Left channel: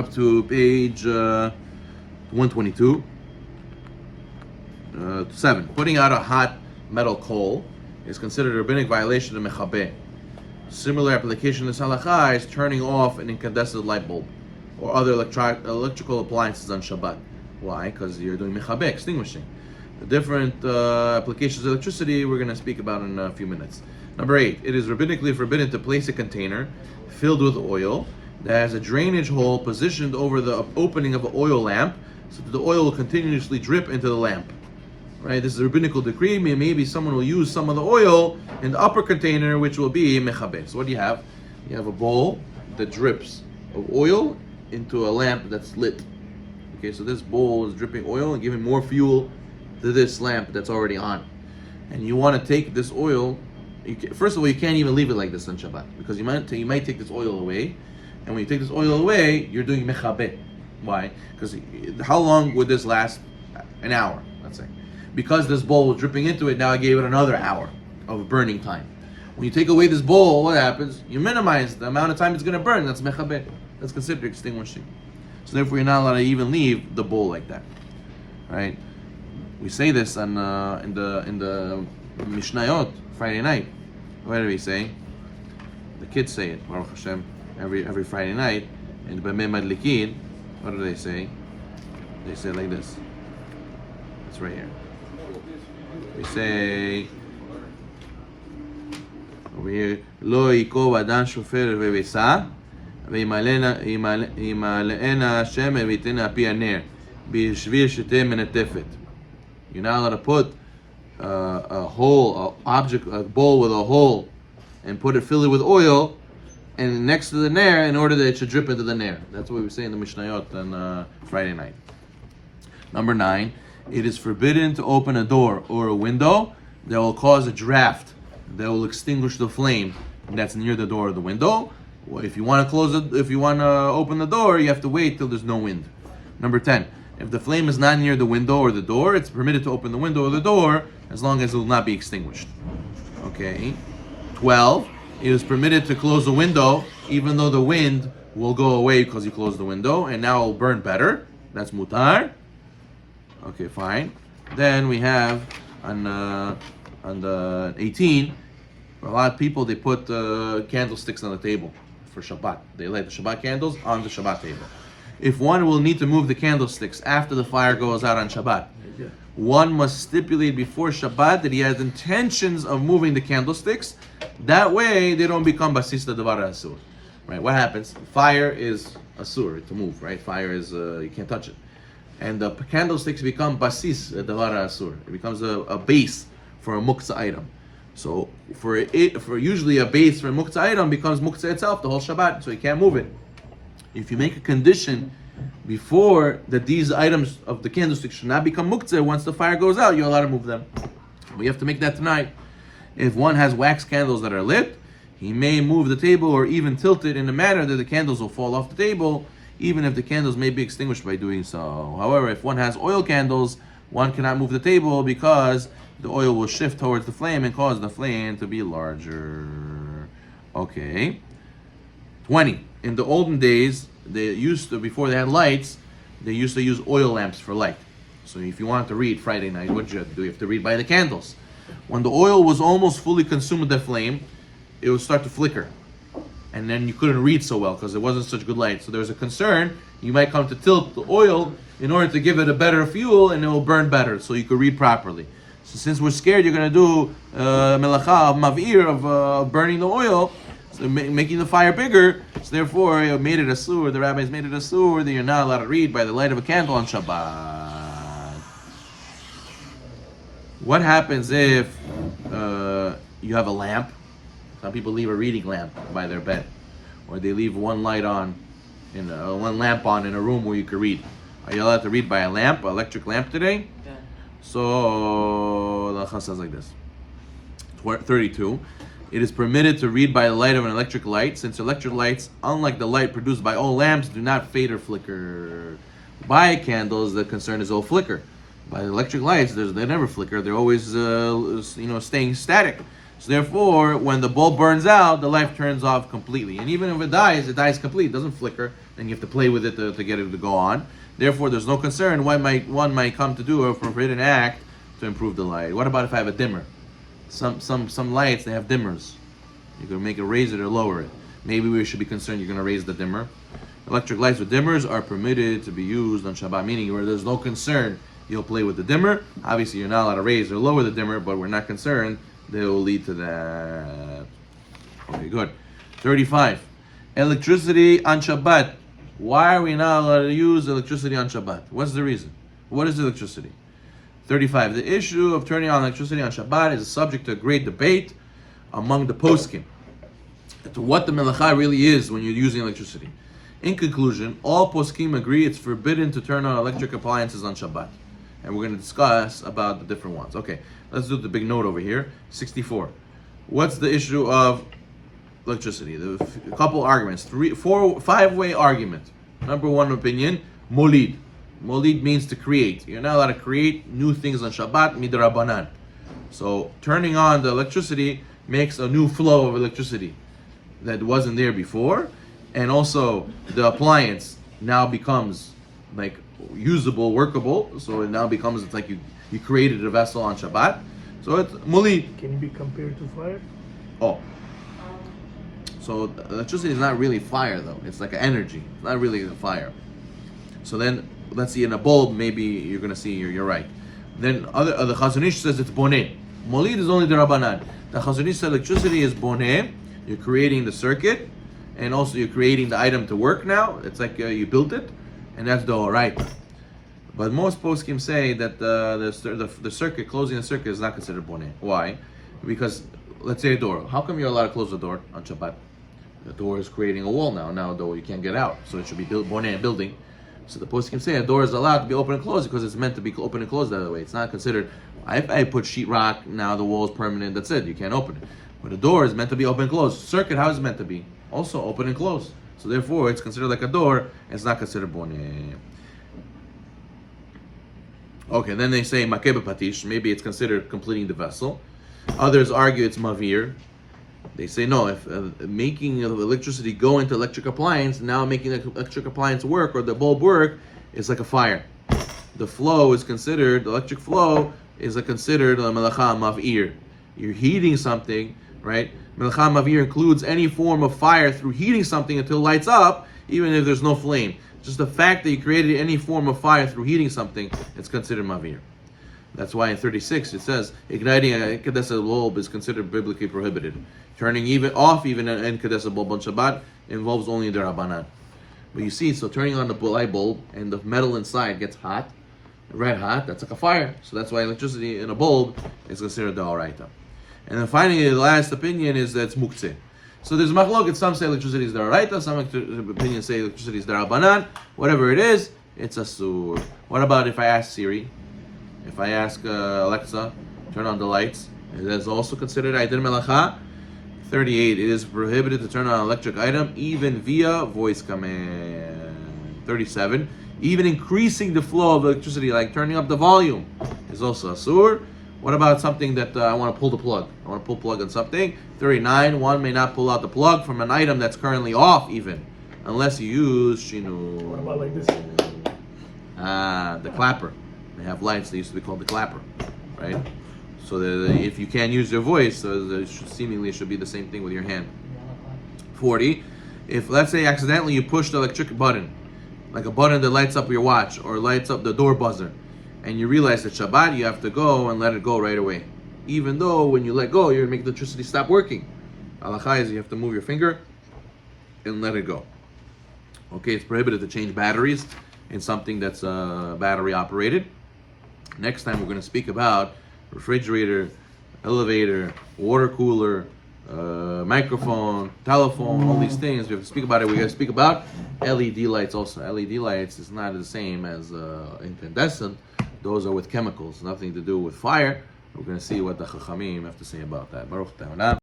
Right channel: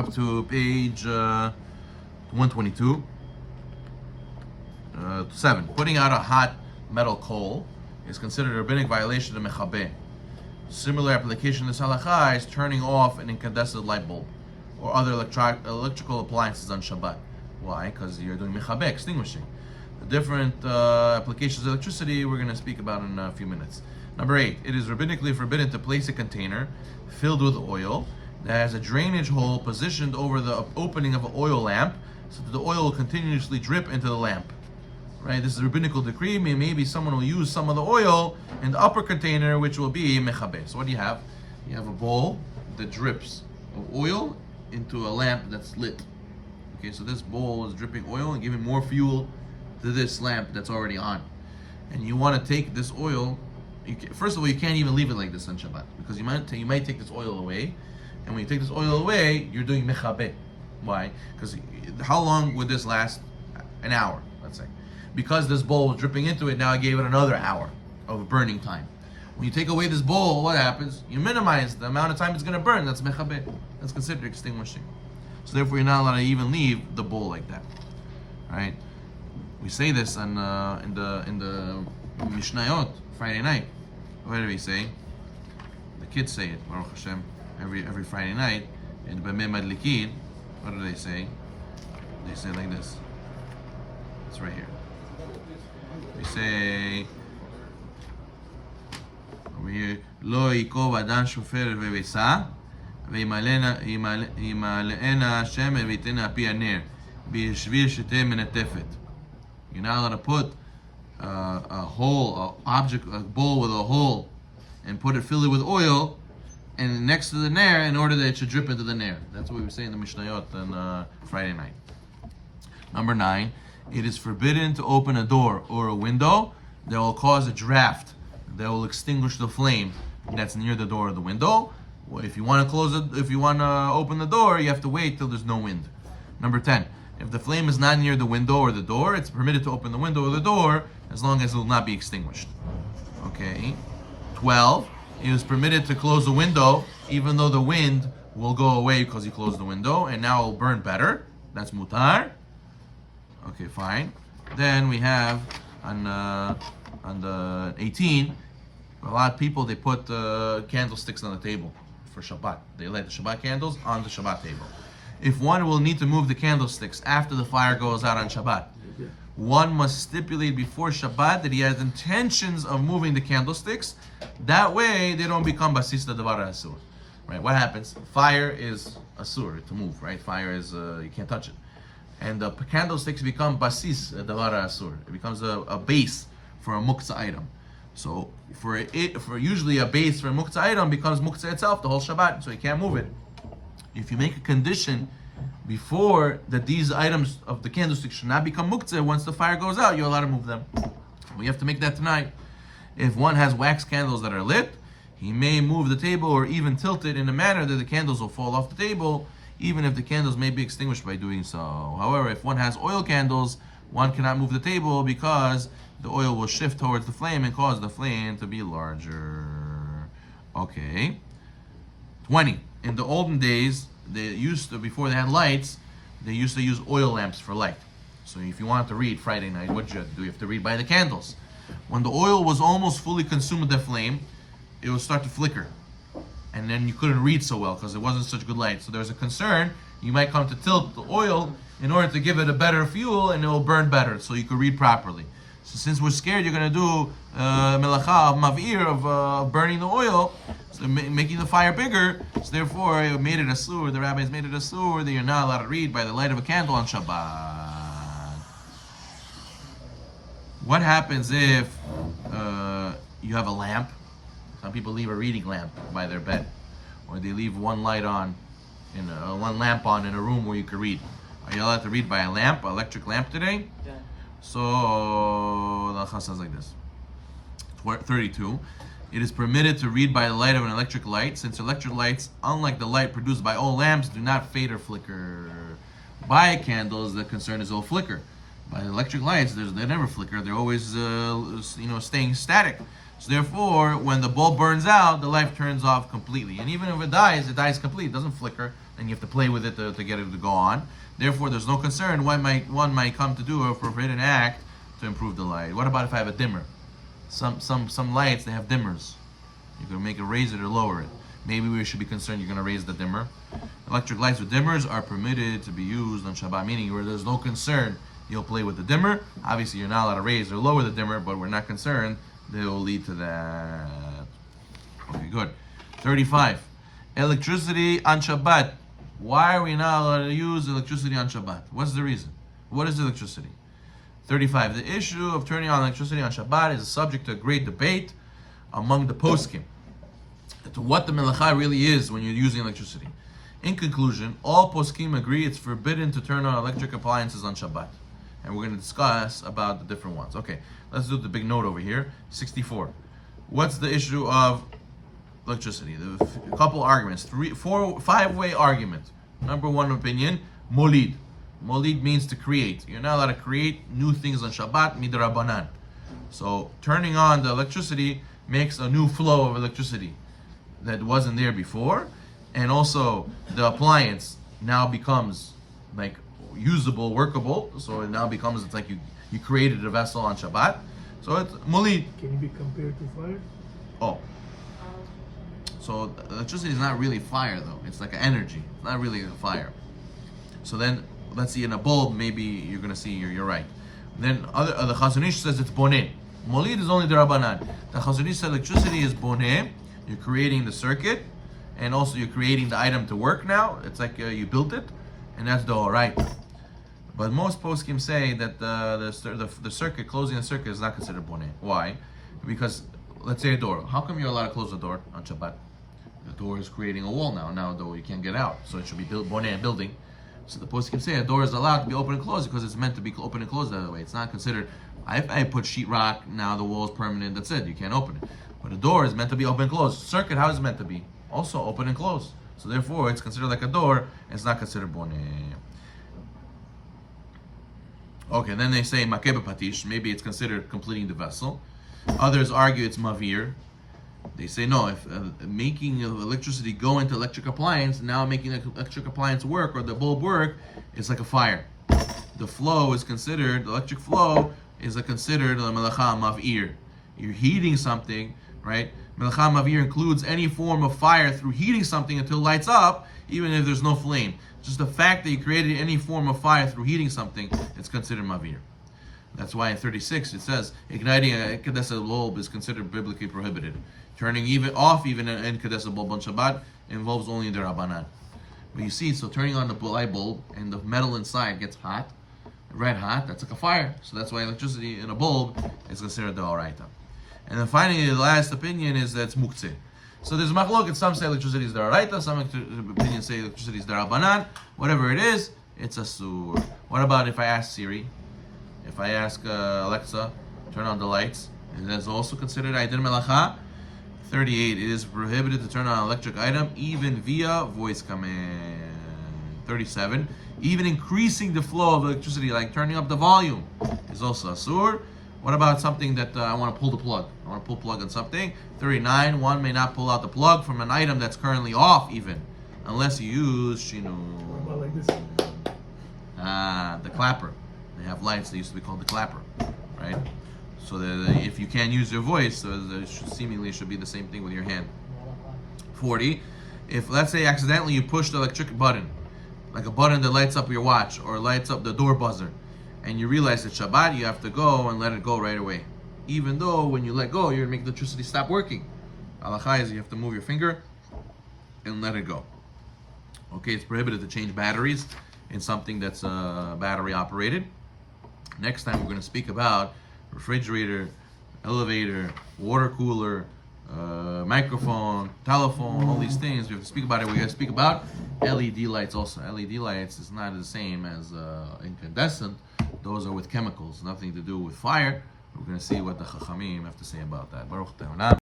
Up to page 122. 7. Putting out a hot metal coal is considered a rabbinic violation of Mechabeh. Similar application of this halacha is turning off an incandescent light bulb or other electrical appliances on Shabbat. Why? Because you're doing Mechabeh, extinguishing. The different applications of electricity we're going to speak about in a few minutes. Number 8. It is rabbinically forbidden to place a container filled with oil that has a drainage hole positioned over the opening of an oil lamp so that the oil will continuously drip into the lamp. Right? This is a rabbinical decree. Maybe someone will use some of the oil in the upper container, which will be Mechabeh. So what do you have? You have a bowl that drips of oil into a lamp that's lit. Okay, so this bowl is dripping oil and giving more fuel to this lamp that's already on. And you want to take this oil. First of all, you can't even leave it like this on Shabbat because you might take this oil away. And when you take this oil away, you're doing Mechabeh. Why? Because how long would this last? An hour, let's say. Because this bowl was dripping into it, now I gave it another hour of burning time. When you take away this bowl, what happens? You minimize the amount of time it's going to burn. That's Mechabeh. That's considered extinguishing. So therefore, you're not allowed to even leave the bowl like that. Right? We say this in the Mishnayot Friday night. What do we say? The kids say it. Baruch Hashem. Every Friday night, and B'mei Madlikin, what do they say? They say like this. It's right here. We say over here, Lo yikov adam shofer v'vesa, v'yimalena Hashem v'yitena api haner, b'shvir sheteh menetefet. You're not allowed to put a bowl with a hole, and put it filled with oil, and next to the nair, in order that it should drip into the nair. That's what we say in the Mishnayot on Friday night. Number 9, it is forbidden to open a door or a window that will cause a draft that will extinguish the flame that's near the door or the window. Well, if you want to open the door, you have to wait till there's no wind. Number 10, if the flame is not near the window or the door, it's permitted to open the window or the door as long as it will not be extinguished. Okay. 12. It is permitted to close the window even though the wind will go away because you closed the window and now it will burn better. That's mutar. Okay, fine. Then we have on the 18, a lot of people, they put candlesticks on the table for Shabbat. They light the Shabbat candles on the Shabbat table. If one will need to move the candlesticks after the fire goes out on Shabbat, one must stipulate before Shabbat that he has intentions of moving the candlesticks. That way, they don't become basis davar asur. Right? What happens? Fire is asur to move. Right? Fire is you can't touch it, and the candlesticks become basis davar asur. It becomes a base for a muktzah item. So for usually a base for a muktzah item becomes muktzah itself the whole Shabbat. So you can't move it. If you make a condition before that these items of the candlestick should not become muktzah, once the fire goes out, you're allowed to move them. We have to make that tonight. If one has wax candles that are lit, he may move the table or even tilt it in a manner that the candles will fall off the table, even if the candles may be extinguished by doing so. However, if one has oil candles, one cannot move the table because the oil will shift towards the flame and cause the flame to be larger. Okay. 20. In the olden days, before they had lights, they used to use oil lamps for light. So if you wanted to read Friday night, what did you have to do? You have to read by the candles. When the oil was almost fully consumed with the flame, it would start to flicker. And then you couldn't read so well because it wasn't such good light. So there was a concern, you might come to tilt the oil in order to give it a better fuel and it will burn better so you could read properly. So since we're scared you're going to do Melacha of Mav'ir, of burning the oil, so making the fire bigger, so therefore it made it asur, the rabbis made it asur that you're not allowed to read by the light of a candle on Shabbat. What happens if you have a lamp? Some people leave a reading lamp by their bed, or they leave one lamp on in a room where you can read. Are you allowed to read by a lamp, an electric lamp today? Yeah. So the Halacha says like this. 32. It is permitted to read by the light of an electric light, since electric lights, unlike the light produced by all lamps, do not fade or flicker. By candles, the concern is all flicker. By electric lights, they never flicker. They're always, staying static. So therefore, when the bulb burns out, the light turns off completely. And even if it dies completely. It doesn't flicker, and you have to play with it to get it to go on. Therefore, there's no concern. One might come to do a forbidden act to improve the light. What about if I have a dimmer? Some lights, they have dimmers. You can make it raise it or lower it. Maybe we should be concerned you're going to raise the dimmer. Electric lights with dimmers are permitted to be used on Shabbat, meaning where there's no concern you'll play with the dimmer. Obviously, you're not allowed to raise or lower the dimmer, but we're not concerned they will lead to that. Okay, good. 35. Electricity on Shabbat. Why are we not allowed to use electricity on Shabbat? What's the reason? What is electricity? 35. The issue of turning on electricity on Shabbat is a subject to great debate among the poskim to what the Melacha really is when you're using electricity. In conclusion, all poskim agree it's forbidden to turn on electric appliances on Shabbat. And we're going to discuss about the different ones. Okay, let's do the big note over here. 64. What's the issue of electricity? A couple arguments. 5-way argument. Number one opinion, molid. Molid means to create. You're not allowed to create new things on Shabbat, midrabanan. So turning on the electricity makes a new flow of electricity that wasn't there before, and also the appliance now becomes like usable, workable. So it now becomes, it's like you created a vessel on Shabbat. So it's mulid. Can it be compared to fire? Oh. So electricity is not really fire though. It's like an energy. It's not really a fire. So then let's see in a bulb, maybe you're gonna see you're right. Then the Chazon Ish says it's boneh. Molid is only the Rabbanan. The Chazon Ish said electricity is boneh. You're creating the circuit, and also you're creating the item to work now. It's like you built it, and that's the oraita. But most poskim say that the circuit, closing the circuit, is not considered boneh. Why? Because let's say a door. How come you're allowed to close the door on Shabbat? The door is creating a wall now. Now the door you can't get out, so it should be boneh, building. So the poskim say a door is allowed to be open and closed because it's meant to be open and closed that way. It's not considered. If I put sheetrock, now the wall is permanent. That's it. You can't open it. But a door is meant to be open and closed. Circuit, how is it meant to be? Also open and closed. So therefore, it's considered like a door, and it's not considered boneh. Okay, then they say Mechabeh patish. Maybe it's considered completing the vessel. Others argue it's mavir. They say no. If making electricity go into electric appliance, now making the electric appliance work or the bulb work is like a fire. The flow is considered, the electric flow is considered a melacha mavir. You're heating something, right? Melacha mavir includes any form of fire through heating something until it lights up, even if there's no flame. Just the fact that you created any form of fire through heating something, it's considered mavir. That's why in 36 it says igniting a kedesa bulb is considered biblically prohibited. Turning even an kedesa bulb on Shabbat involves only the Rabbanan. But you see, so turning on the light bulb and the metal inside gets hot, red hot, that's like a fire. So that's why electricity in a bulb is considered the oraita. And then finally, the last opinion is that it's muktzeh. So there's machlok. Some say electricity is the oraita. Some opinions say electricity is the rabbanan. Whatever it is, it's asur. What about if I ask Siri? If I ask Alexa, turn on the lights, that's also considered Aidir Melacha. 38, it is prohibited to turn on an electric item even via voice command. 37, even increasing the flow of electricity, like turning up the volume, is also asur. What about something that I want to pull the plug? I want to pull plug on something. 39, one may not pull out the plug from an item that's currently off even, unless you use shinu. What about like this? The clapper. They have lights, they used to be called the clapper, right? So if you can't use your voice, seemingly it should be the same thing with your hand. 40, if let's say accidentally you push the electric button, like a button that lights up your watch or lights up the door buzzer, and you realize that Shabbat you have to go and let it go right away. Even though when you let go, you're gonna make the electricity stop working. Halacha is you have to move your finger and let it go. Okay, it's prohibited to change batteries in something that's battery operated. Next time we're going to speak about refrigerator, elevator, water cooler, microphone, telephone, all these things. We have to speak about it. We're going to speak about LED lights also. LED lights is not the same as incandescent. Those are with chemicals, nothing to do with fire. We're going to see what the Chachamim have to say about that. Baruch Ta'ala.